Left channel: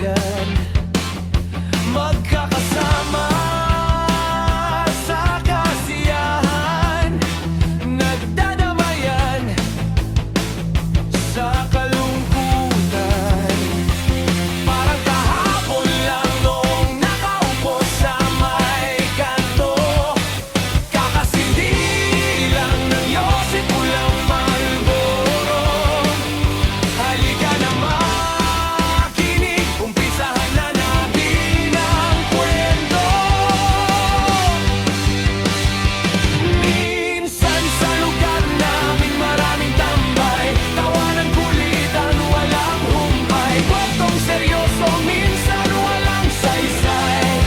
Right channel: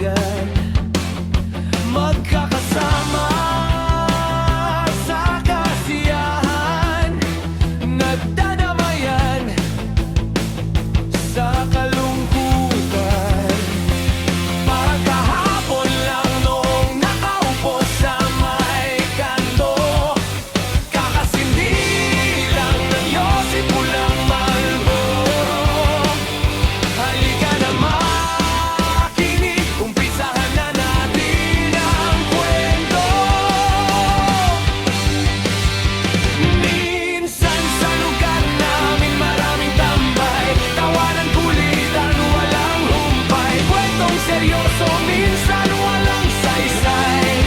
kaibigan, magkakasama sa kasiyahan, nagdadamayan sa kalungkutan. Parang kahapon lang noong nakaupo sa may kanto, kakasindi lang ng Yosip Pulang Marlboro. Halika na makinig, umpisahan na natin ang kwento. Minsan sa lugar namin maraming tambay, tawanan, kulitan, walang humpay, kwentong seryoso, minsan walang saysay.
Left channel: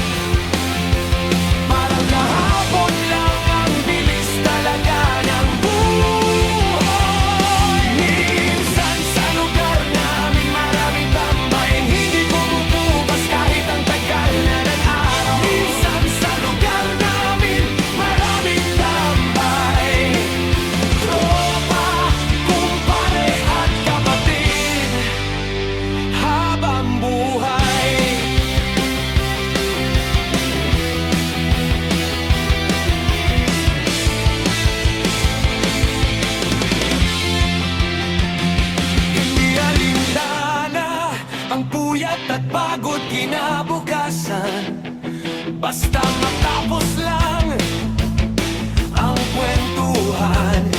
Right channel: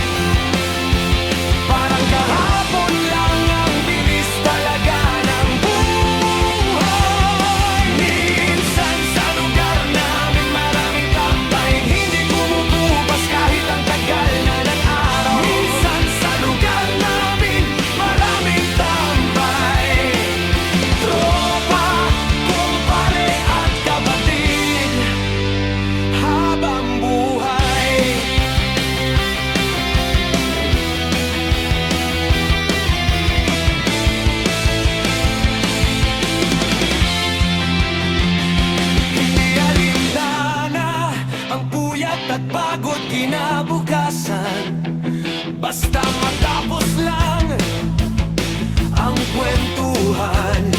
Parang kahapon lang, ang bilis talaga ng buhay. Minsan sa lugar namin maraming tambay, hindi kumukupas kahit ang tagal na ng araw. Minsan sa lugar namin maraming tambay, tropa, kumpare at kapatid, habang buhay. Hindi alintana ang puyat at pagod kinabukasan, basta matapos lang ang kwentuhan.